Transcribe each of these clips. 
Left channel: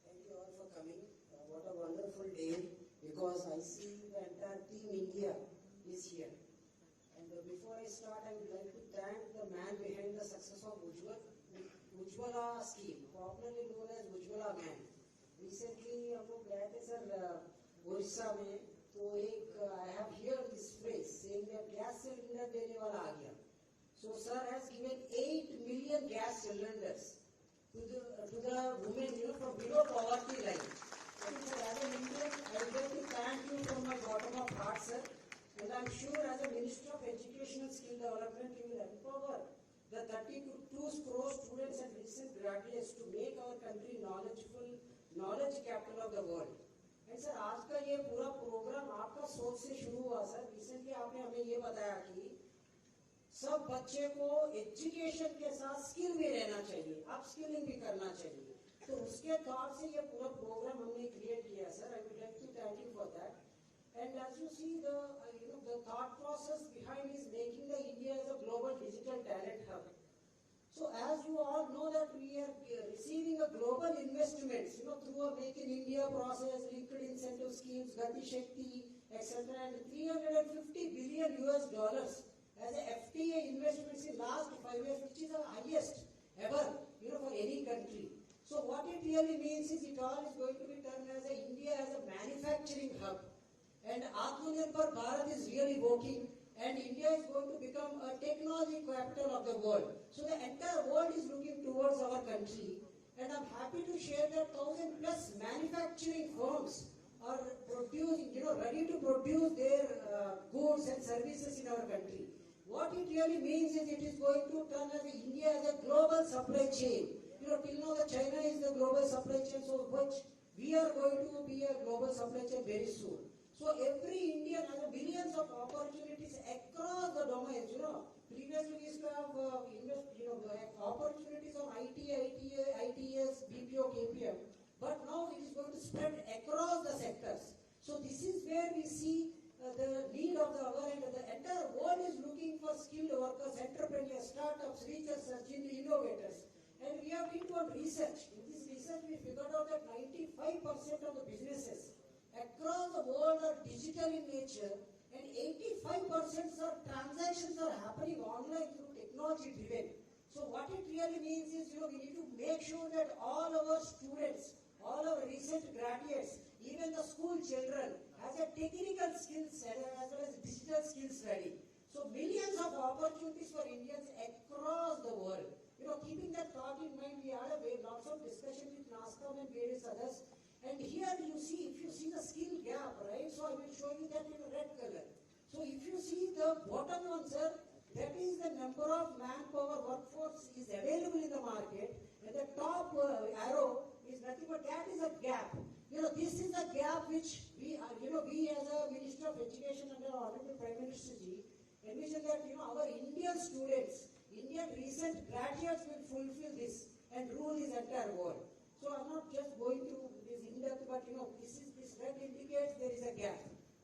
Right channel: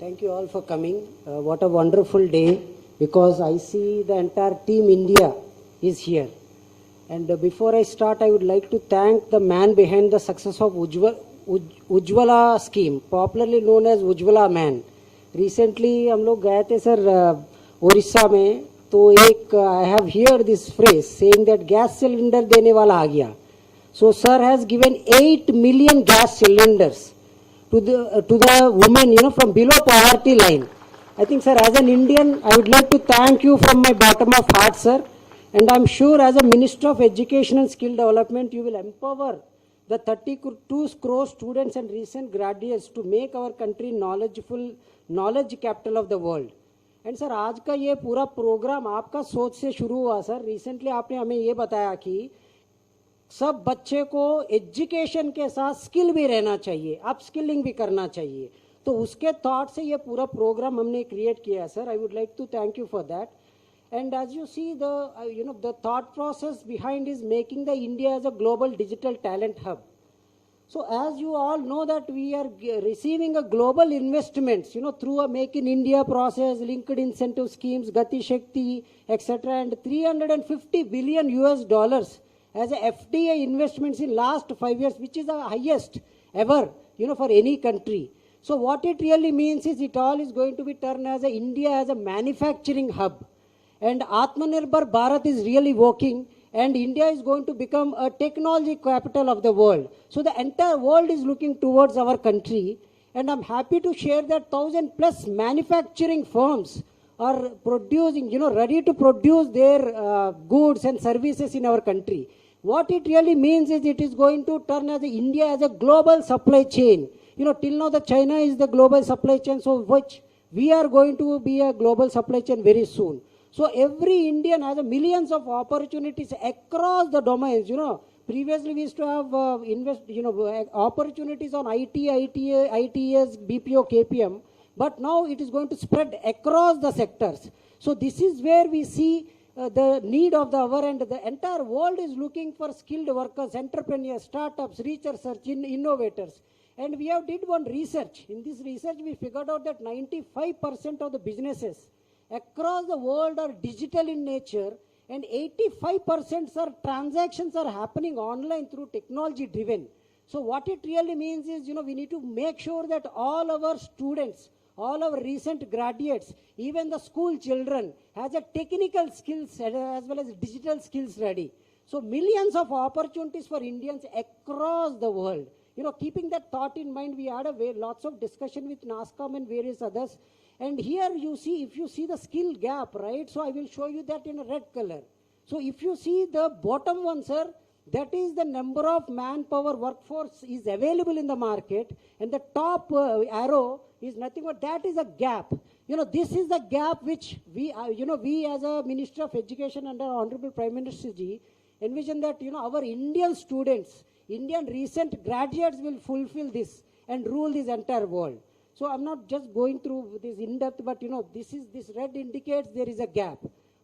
Thank you all for coming. What a wonderful day, because I see the entire team India is here. And before I start, I would like to thank the man behind the success of Ujjwala scheme, popularly known as Ujjwala man. Recently हम लोग गए थे sir Orissa में, तो एक I have heard this phrase saying that gas cylinder देने वाला आ गया. So sir has given 8 million gas cylinders to the women, from below poverty line. I think, sir, as an Indian, I would like to thank you from my bottom of heart, sir. And I'm sure as a Minister of Education and Skill Development, you will empower the 32 crore students and recent graduates to make our country knowledge capital of the world. And sir, आज का ये पूरा programme आपका सोच से शुरू हुआ sir. Recently आपने हमें ये बताया कि सब बच्चे को एजुकेशन के साथ स्किल भी रहना चाहिए, अप स्किलिंग भी करना चाहिए. तो उसके थॉट से ये पूरा प्रोग्राम हमने क्रिएट किया है sir. I would like to thank you for that. And as you see, the thought process behind is making the India as a global digital talent hub. So as you all know that we are receiving a global investments, through a Make in India process, linked incentive schemes, Gati Shakti, etc., and 350 billion US dollars as a FDI investments in last 5 years, which is the highest ever, for any country. So what it really means is it all is going to be turned as a India as a manufacturing hub. And Atmanirbhar Bharat is really working, and India is going to become a technology capital of the world. So the entire world is looking towards our country, and I'm happy to share that 1,000+ manufacturing firms are producing, ready to produce their goods and services in our country. What it really means is it is going to turn as India as a global supply chain. Till now the China is the global supply chain, so which we are going to be a global supply chain very soon. So every Indian has millions of opportunities across the domains. Previously we used to have opportunities on IT, ITS, BPO, KPM, but now it is going to spread across the sectors. So this is where we see the need of the hour, and the entire world is looking for skilled workers, entrepreneurs, startups, researchers, innovators. And we have did one research. In this research, we figured out that 95% of the businesses across the world are digital in nature, and 85% transactions are happening online through technology driven. So what it really means is, we need to make sure that all our students, all our recent graduates, even the school children has a technical skills as well as digital skills ready. So millions of opportunities for Indians across the world. Keeping that thought in mind, we had lots of discussion with NASCOM and various others. And here you see, if you see the skill gap, right? So I will show you that in a red color. So if you see the bottom one, sir, that is the number of manpower workforce is available in the market. And the top arrow is nothing but that is a gap. This is the gap which we as a Minister of Education under Honorable Prime Minister Ji envision that, our Indian students, Indian recent graduates will fulfill this and rule this entire world. So I'm not just going through this in depth, but this red indicates there is a gap.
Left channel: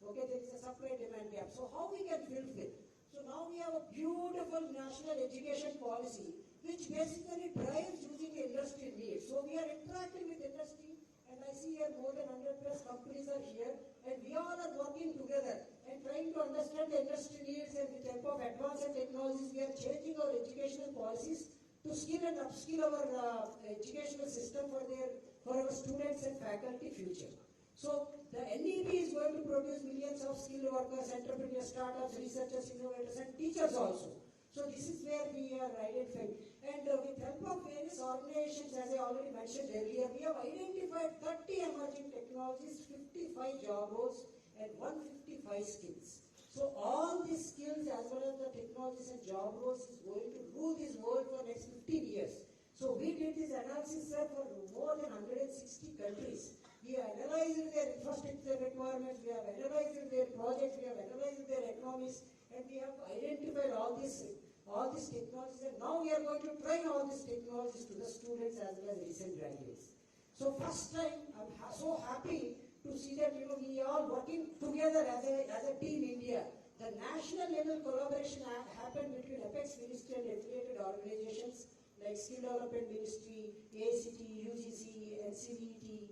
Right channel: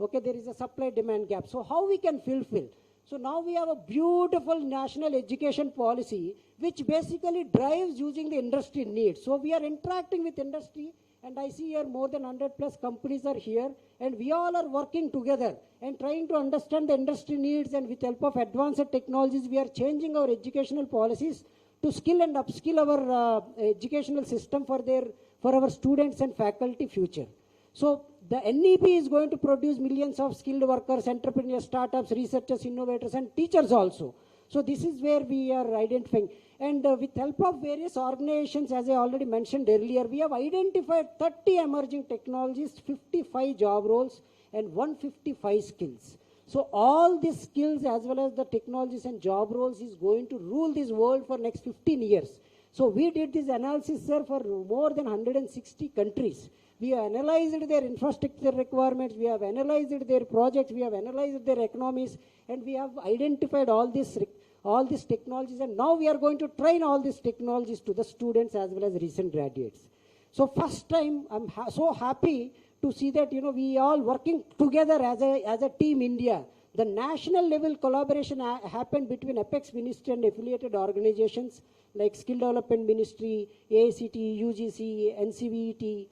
Okay, there is a supply demand gap. So how we can fulfill? So now we have a beautiful national education policy which basically drives using the industry needs. So we are interacting with industry, and I see here more than 100+ companies are here, and we all are working together and trying to understand the industry needs, and with help of advanced technologies we are changing our educational policies to skill and upskill our educational system for our students and faculty future. So the NEP is going to produce millions of skilled workers, entrepreneurs, startups, researchers, innovators, and teachers also. So this is where we are identifying. And with help of various organizations, as I already mentioned earlier, we have identified 30 emerging technologies, 55 job roles, and 155 skills. So all these skills as well as the technologies and job roles is going to rule this world for next 15 years. So we did this analysis, sir, for more than 160 countries. We have analyzed their infrastructure requirements, we have analyzed their projects, we have analyzed their economies, and we have identified all these technologies, and now we are going to train all these technologies to the students as well as recent graduates. So first time, I'm so happy to see that, we all working together as a team India. The national level collaboration happened between Apex Ministry and affiliated organizations. like Skill Development Ministry, AICTE, UGC, NCVET,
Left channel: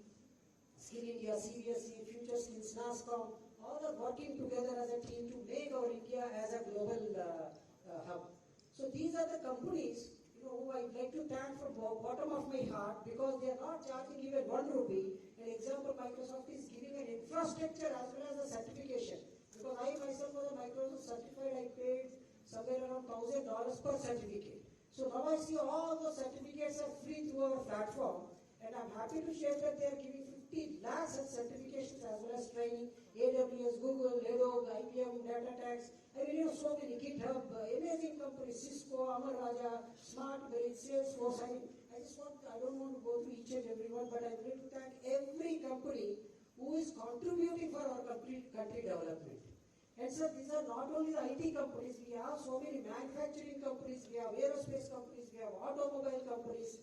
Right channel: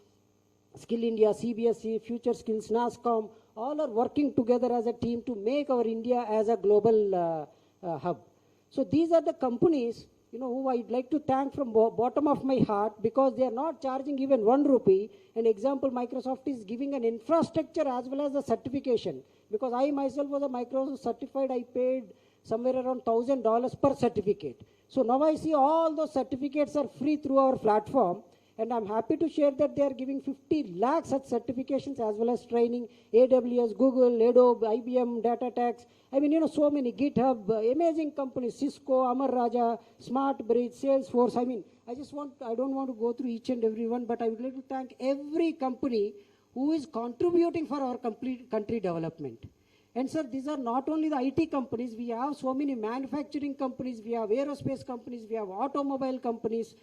Skill India, CBSE, Future Skills, NASCOM, all are working together as a team to make our India as a global hub. So these are the companies, who I'd like to thank from bottom of my heart, because they are not charging even 1 rupee. An example, Microsoft is giving an infrastructure as well as a certification. Because I myself was a Microsoft certified, I paid somewhere around $1,000 per certificate. So now I see all those certificates are free through our platform. And I'm happy to share that they are giving 50 lakh such certifications as well as training, AWS, Google, Adobe, IBM, DataTax. I mean, so many, GitHub, amazing companies, Cisco, Amar Raja, SmartBridge, Salesforce. I mean, I don't want to go through each and every one, but I would like to thank every company who is contributing for our complete country development. And sir, these are not only the IT companies, we have so many manufacturing companies, we have aerospace companies, we have automobile companies.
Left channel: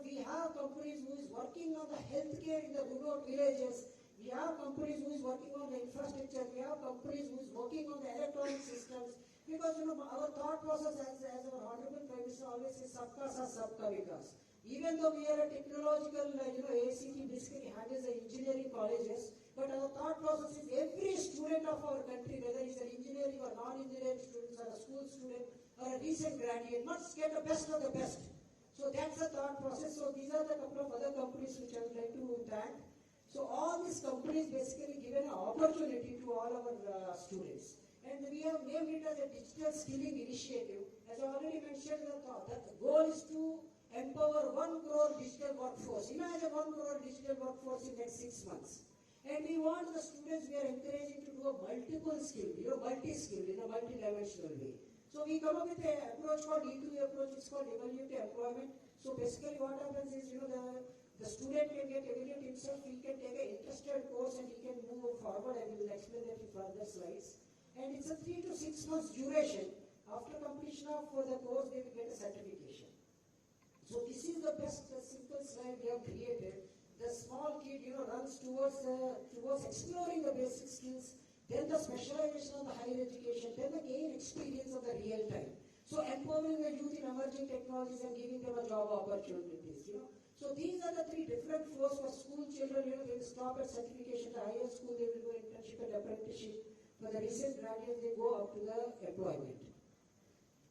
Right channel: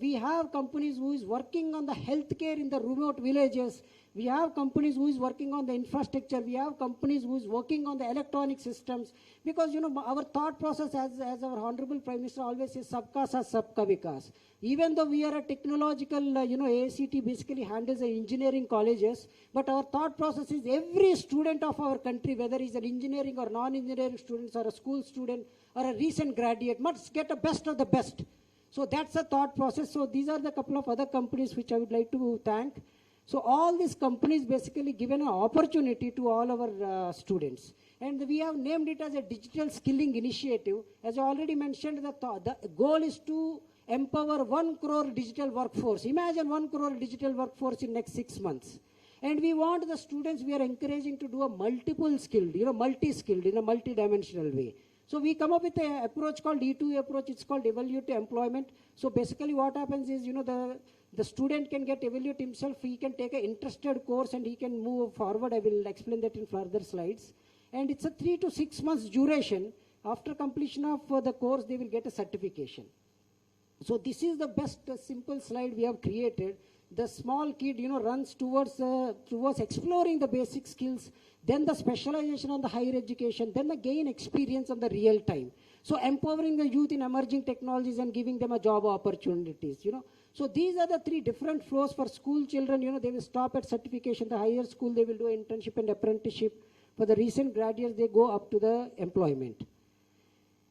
We have companies who is working on the healthcare in the remote villages. We have companies who is working on the infrastructure. We have companies who is working on the electronic systems. Because, our thought process, as our Honorable Prime Minister always says, Sabka Saath, Sabka Vikas. Even though we are a technological, AICTE basically handles the engineering colleges, but our thought process is every student of our country, whether he's an engineering or non-engineering student or a school student or a recent graduate, must get the best of the best. So that's a thought process. So these are the couple of other companies which I would like to thank. So all these companies basically given an opportunity to all our students. And we have named it as a digital skilling initiative. As I already mentioned, the goal is to empower 1 crore digital workforce. Imagine 1 crore digital workforce in next 6 months. And we want the students, we are encouraging to do a multiple skilled, multi-skilled in a multi-dimensional way. So we come up with an approach called E2 approach. It's called evaluate to employment. So basically what happens is, the student can get evaluate himself. He can take an interested course and he can move forward. I will explain that in further slides. And it's a 3 to 6 months duration. After completion of the course, they will get a certification. So this is the best simple slide we have created. The small kid, runs towards exploring the basic skills, then the specialization on the higher education, then the gain experience on the real time. So empowering the youth in emerging technologies and giving them a job opportunities, So these are the 3 different flows for school children. They will stop at certification. The higher school, they will do internship and apprenticeship. For the recent graduates, they go up to the employment.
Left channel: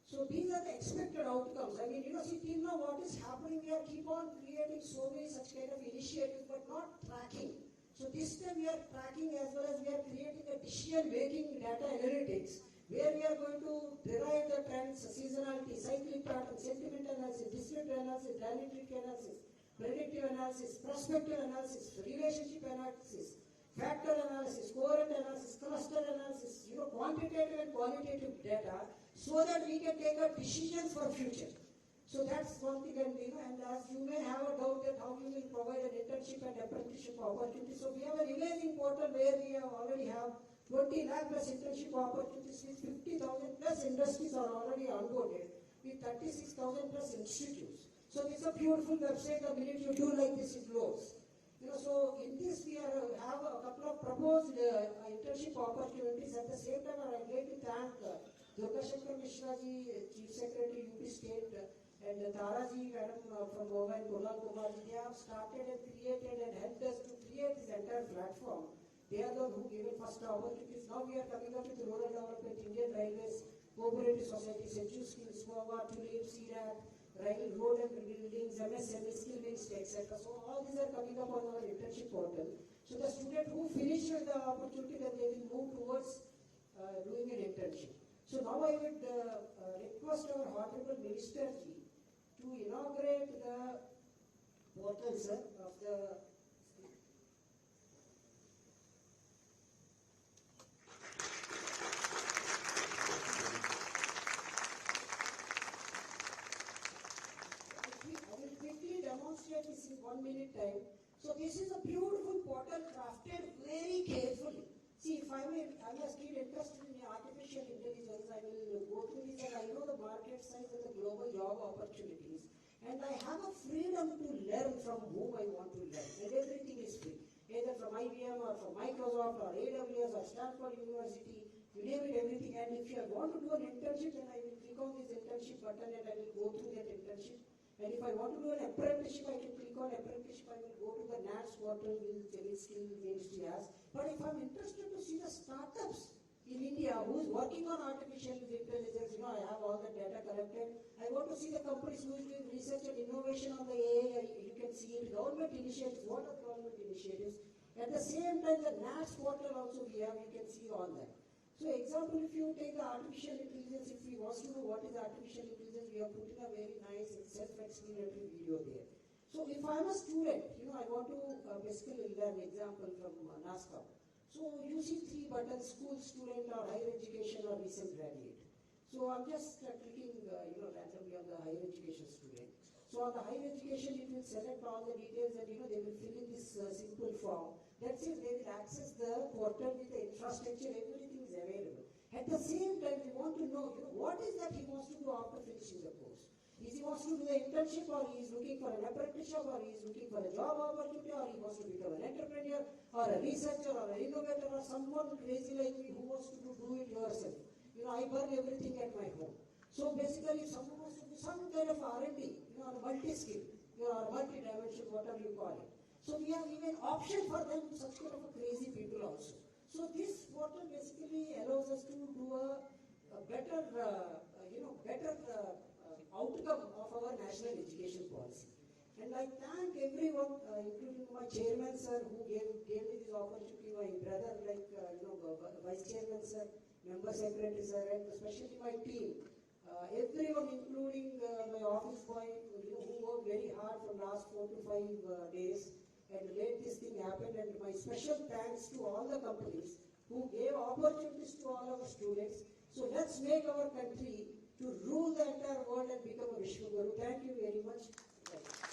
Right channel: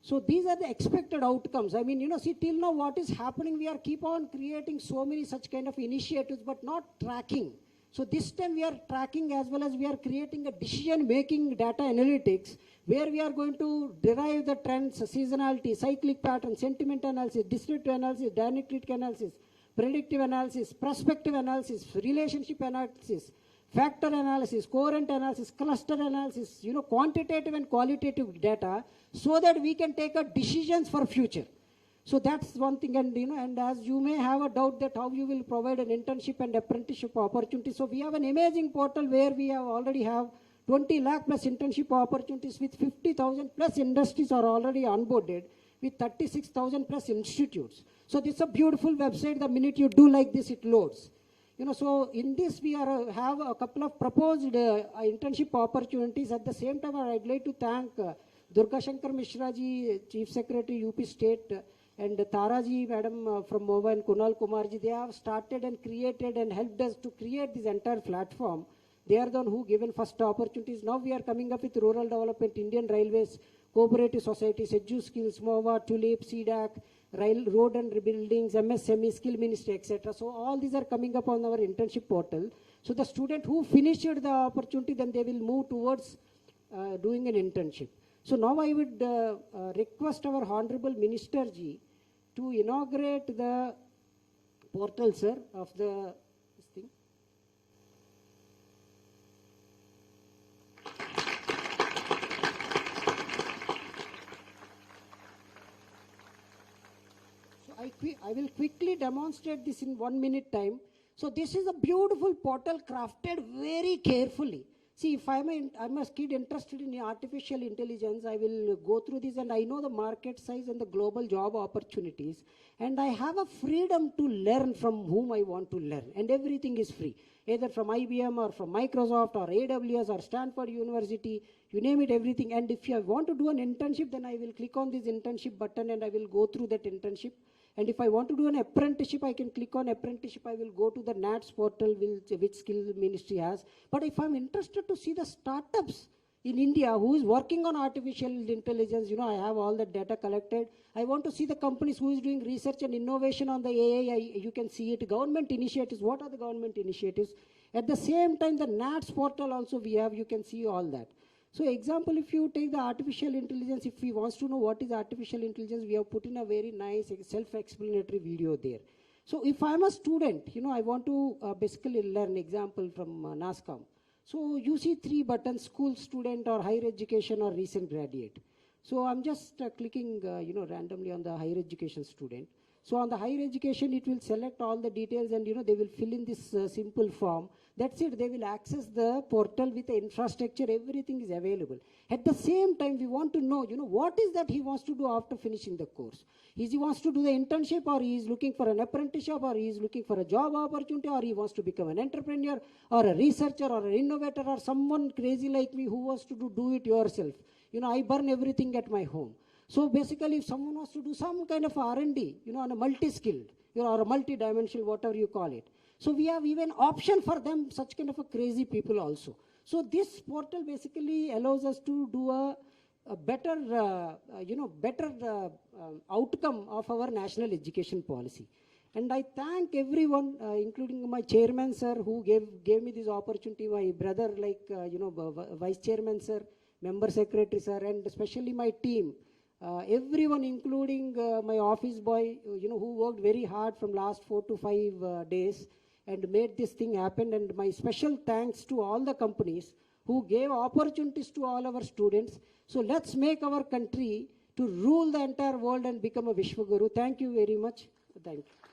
So these are the expected outcomes. I mean, see, till now what is happening, we are keep on creating so many such kind of initiatives, but not tracking. So this time we are tracking as well as we are creating a decision-making data analytics, where we are going to derive the trends, seasonality, cyclic pattern, sentiment analysis, descriptive analysis, dynamic analysis, predictive analysis, prospective analysis, relationship analysis, factor analysis, coherent analysis, cluster analysis, quantitative and qualitative data, so that we can take a decisions for future. So that's one thing. And and as you may have a doubt that how you will provide an internship and apprenticeship opportunity. So we have an amazing portal where we already have 20 lakh plus internship opportunities with 50,000 plus industries are already onboarded with 36,000 plus institutes. So this is a beautiful website. The minute you do like this, it loads. So in this we have a couple of proposed internship opportunities. At the same time, I'd like to thank Durga Shankar Mishra ji, Chief Secretary, UP State, and Taraji Madam from MOVA and Kunal Kumarji. They have started and created and helped us to create this entire platform. They are the one who given first opportunities. Now we are coming up with rural development, Indian Railways, cooperative societies, EduSkills, MOVA, TULIP, CDAC, road and rebuildings, MSME, skill ministry, etc. So all these are coming up on our internship portal. So the student who finished the opportunity, then they will move towards doing an internship. So now I would request our Honorable Minister Ji to inaugurate the portal, sir, of the this thing. I will quickly demonstrate this in 1 minute time. So this is a beautiful portal crafted very carefully. See, if I'm a kid interested in artificial intelligence, I will go through this, and I know the market size and the global job opportunities, and I have a freedom to learn from whom I want to learn, and everything is free, either from IBM or from Microsoft or AWS or Stanford University, you name it, everything. And if I want to do an internship, then I will click on this internship button and I will go through that internship. And if I want to do an apprenticeship, I can click on apprenticeship. I will go to the NATS portal which skill ministry has. But if I'm interested to see the startups in India who is working on artificial intelligence, I have all the data collected. I want to see the companies who is doing research and innovation on the AI. You can see it. Government initiatives. What are the government initiatives? At the same time, the NATS portal also we have. You can see all that. So example, if you take the artificial intelligence, if we want to know what is artificial intelligence, we have put in a very nice self-explanatory video there. So if I'm a student, I want to basically learn example from NASCOM. So you see 3 buttons: school, student, or higher education, or recent graduate. So I'm just clicking, randomly on the higher education student. So on the higher education, it will select all the details, and they will fill in this simple form. That's it. They will access the portal with the infrastructure. Everything is available. At the same time, we want to know, what is that he wants to do after finishing the course. Is he wants to do the internship, or he is looking for an apprenticeship, or he is looking for a job opportunity, or he wants to become an entrepreneur, or a researcher, or an innovator, or someone crazy like me who wants to do it yourself. I burn everything at my home. So basically, if someone wants to do some kind of R&D, on a multi-skilled, or a multi-dimensional, whatever you call it. So we have even option for them, such kind of a crazy people also. So this portal basically allows us to do a better, outcome of our national education policy. And I thank everyone, including my chairman sir, who gave me this opportunity, my brother, like, vice chairman sir, member secretary sir, and especially my team. Everyone, including my office boy, who worked very hard from last 4 to 5 days and made this thing happen. And my special thanks to all the companies who gave opportunities to all our students. So let's make our country to rule the entire world and become a Vishwaguru. Thank you very much. Thank you.